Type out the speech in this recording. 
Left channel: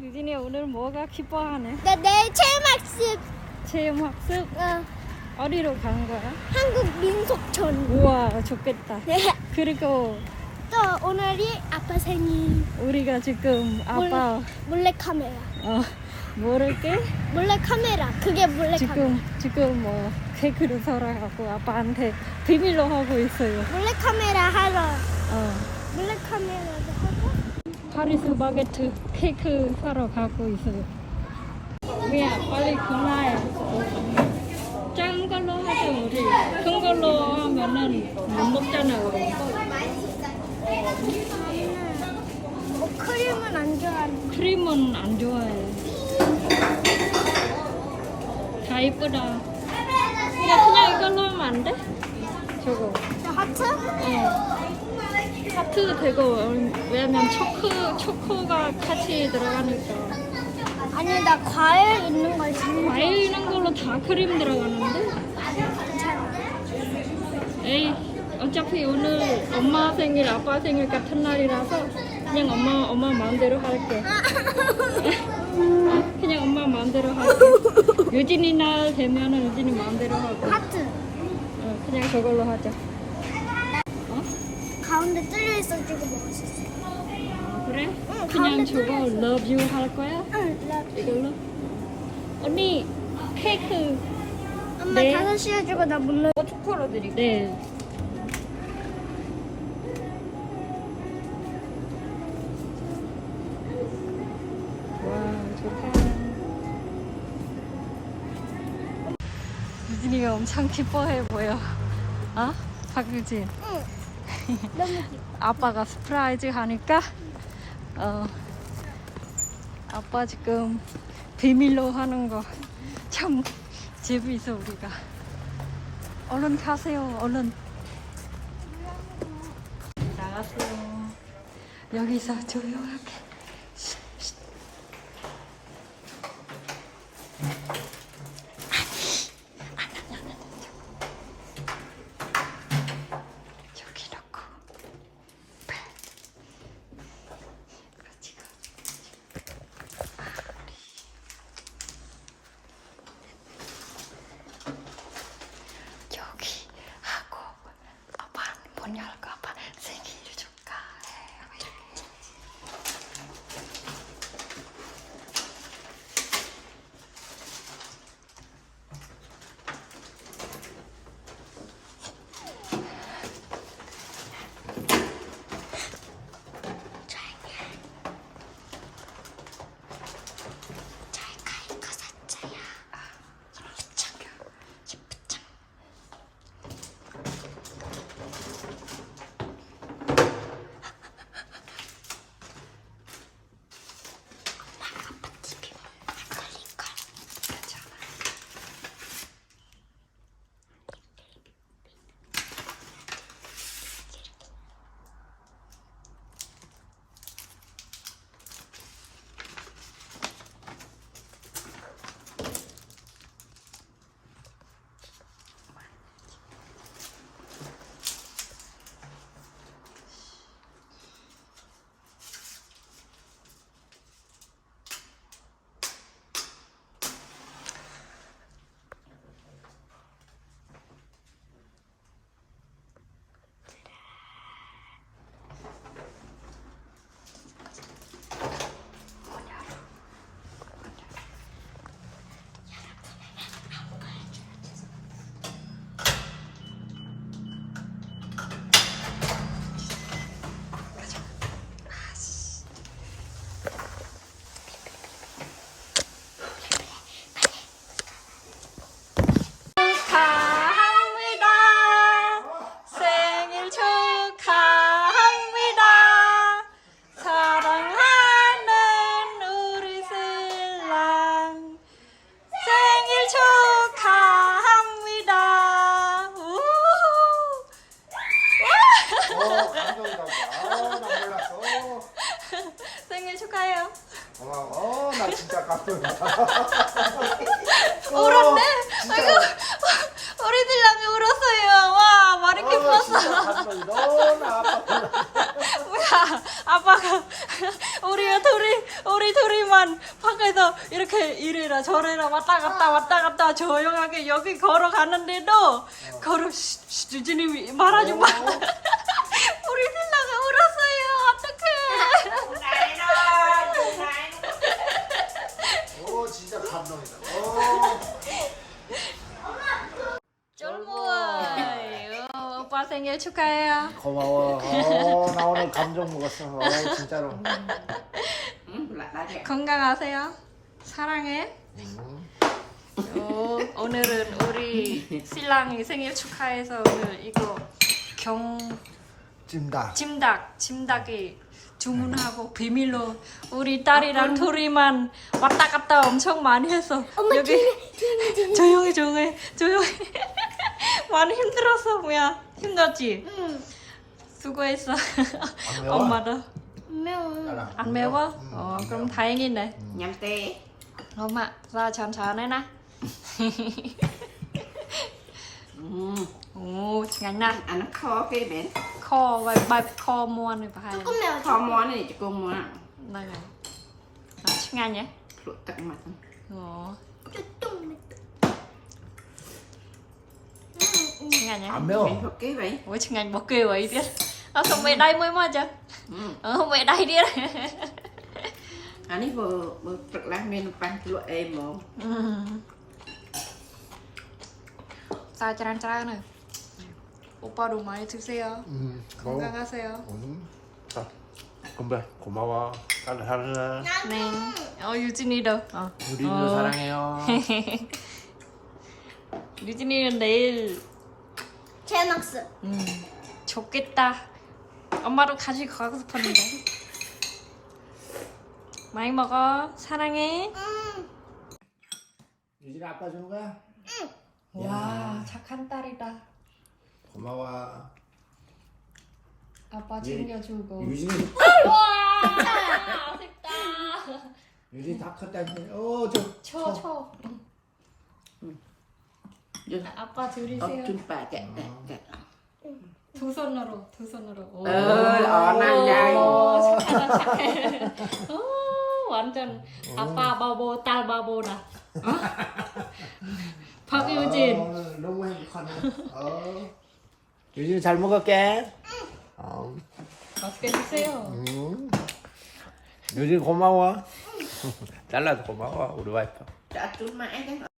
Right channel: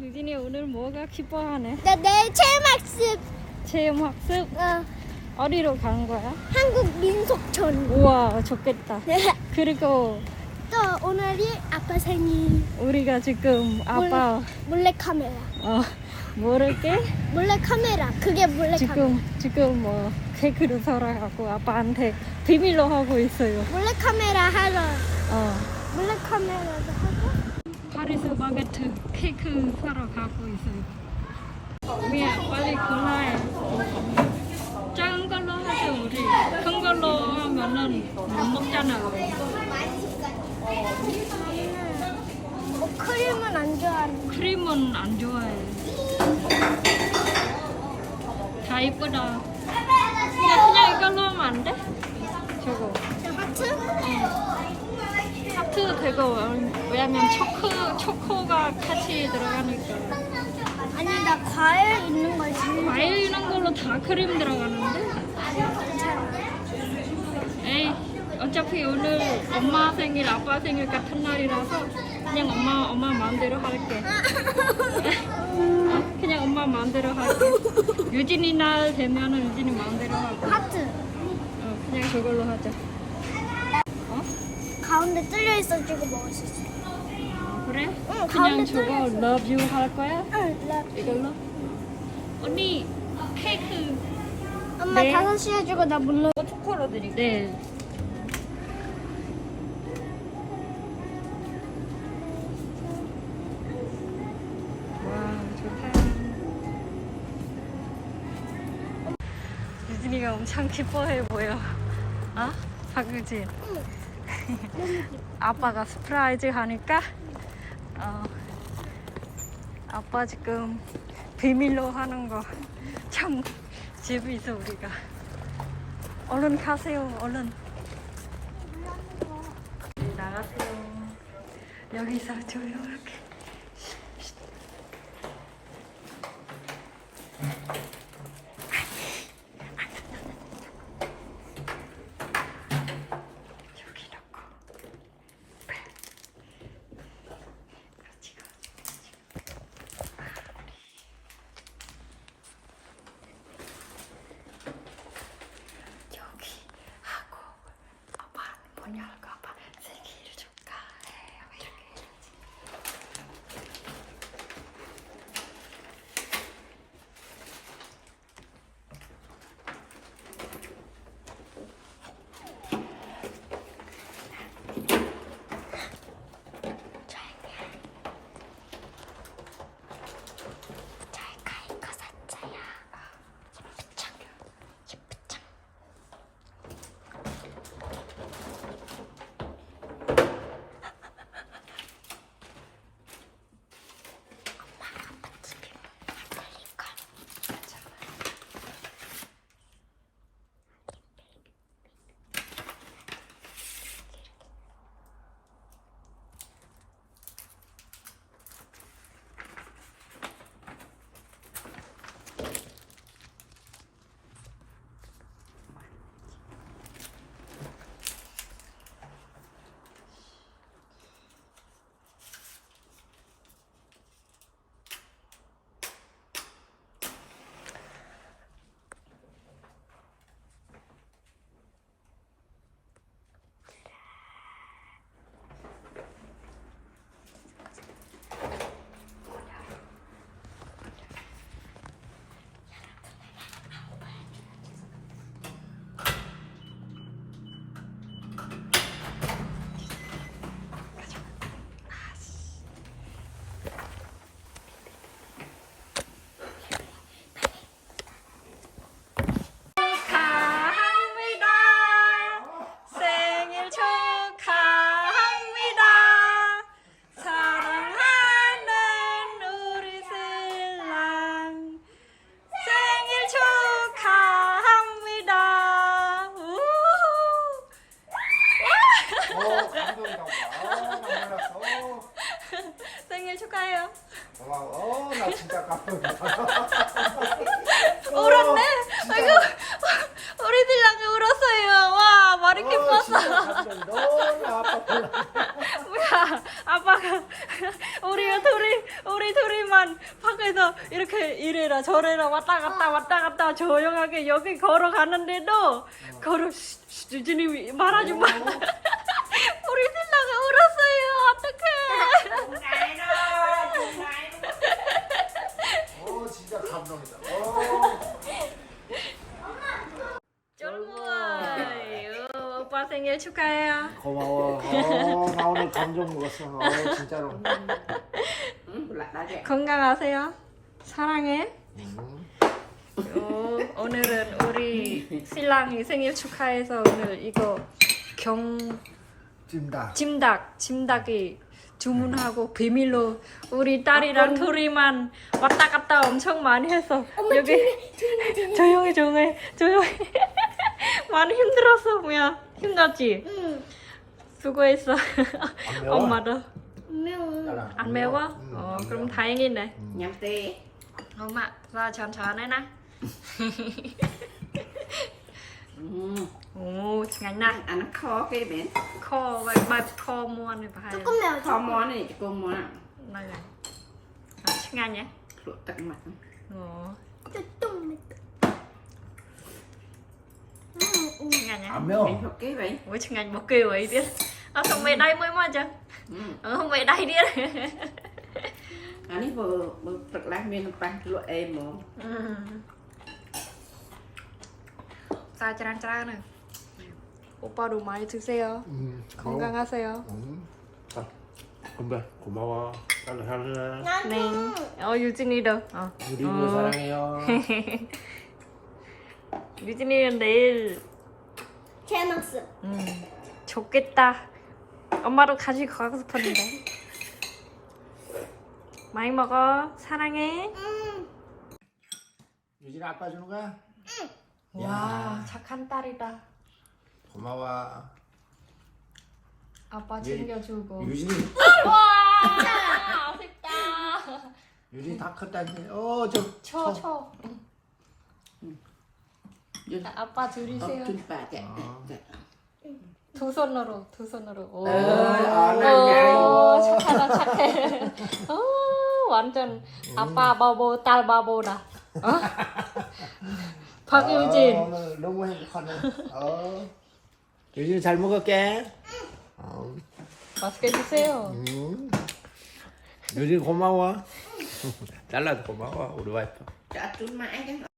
유진이 오늘 뭐가 기뻐하네? 나 내일 체험학습 체험 학습 어, 어디로 간 거야? 한국 민속촌. 우와 좋겠다. 그리고 또 오늘이 아빠 생일. 우리가 지금 아빠 몰래 카메라. 어 모를게 몰래 카메라. 그게 몰래 카메라. 지금 지금 뭐 케이크를 사라고 아빠한테 비밀로 하고 있어요. 몰래 카메라 하러. 어 몰래 카메라도 하고. 파리스 바게트 케이크 사러 가고 있어요. 미야 빨리 그날 작은 걸로 하자 우리 큰 걸로 하면은 못 먹잖아. 어, 크림은 안 좋아하는. 크림은 안 좋아해. 다 이쁘다. 그냥, 그냥 이걸로 하면 안 돼? 저거. 저 하트? 어. 하트 되고, 왜냐면 초코, 초코가 같이 들어가니까. 아니 나 과일 있는 걸 제일 과일 이런 걸로 다 크림 들어가는데? 에이, 어차피 오늘 엄마 생일, 아빠 생일 같은 날이라서 그냥 엄마, 엄마 마음대로 할게. 어, 그냥 엄마 마음대로 할게. 유진이 날 되면은 유진이 마음대로 하고. 하트. 어, 그냥 저걸로 하자. 어? 가운데 뚫려 있어지고 먹을 수 있어. 어, 그래? 응, 그냥 가운데 저거 뚫려 있어. love you 할 거야? 응, 나. 이걸로? 언니 케이크 엄마 네. 다섯 시 해주고 나못 넣어. 초코로 드릴게요. 네. 와 좋다. 유진이가 엄청 기뻐해 보여. 어? 박유진. 응. 아빠가 스프라이즈 하니까 어 아빠 지금 비밀로 하는 거 참 재미있어 우리가. 얼른 가세요 얼른. 나가세요. 여기서 조용하게. 쉿, 쉿. 아, 나 몰랐어. 생일 축하해요. 고마워. 나 진짜 감동이다. 울었네. 아이고 우리 신랑이 울었어요. 와 말이 어, 기뻤어. 너무 아팠구나. 뭐야 아빠가 우리 둘이 우리 둘이 말 동안 밖에서 이렇게 이래라 저래라 왔다 갔다 왔다 갔다 조용하게 여기 걸어가는데도 걸어 쉿, 쉿, 유진이 말하지 마. 생일 축하해요. 고마워. 어, 나 오늘 감정 먹었어. 어, 진짜로. 건강하세요. 사랑해. 요, 오늘은 우리 신랑이 생일 축하해서 오늘 이거 경 찜닭. 찜닭 찜닭이 주문하고 비밀로 우리 딸이랑 둘이만 왔다 갔다 엄청 많이 해서 여기 조용히 조용히 조용히 많이 힘들었어 뭐야 힘들었지? 응. 수고했어 엄마도 매워. 안 매워? 어 그럼 다행이네 냠떼 엄마 자 천천히 나 음, 오 중간나 안 커, 게임엔. 커 바이브 커 뭐 모아는 봐야 조금 매워. khó 조금. món này chỉ có món à 나가 중간이야? 그렇다, 맞아. mặt 어 조금 매워. 칭찬이 안 매워. 섞기 vậy ủa chừng anh bỏ kêu ấy đi à, không mày đây mới mà chứ ừ. ờ, không mày đây đi 아니 뭐, 뭐 라면 빵 좋아해 뭐. 짜잔 짜잔. 오빠도 많이 드세요. 음, 건강하세요. 음, 자, 건배 고마워. 잘해 잘해. 네. 어 유진이도. 어. 우리도 어. 사랑해요. 유진이는 내일 제낙스. 음 좋겠다 엄마도 같이 가고 싶었는데 많이 먹어 사랑해 음. 유진아 아빠 주는 거야? 와 착한 딸이다 고마워. 아빠 예. 챙겨주고 유진이 와 아쉽다 유진이 다 컸다니. 어, 저 쳐쳐 Dừng. 아빠 có 들이세요 Ờ. 네. 두 손으로 두 손으로 오, 어, 어, 난 잘. 오, 착하다 착해 오, 완전 아빠 바보 딸 바보다 어? 박유진 어, 너무 행복하네. 어. 유진이 잘 먹을게. 어. 맛있게 드세요 음. 유진이 고마워. 잘라도 고마워 우리 와이프. mãi cái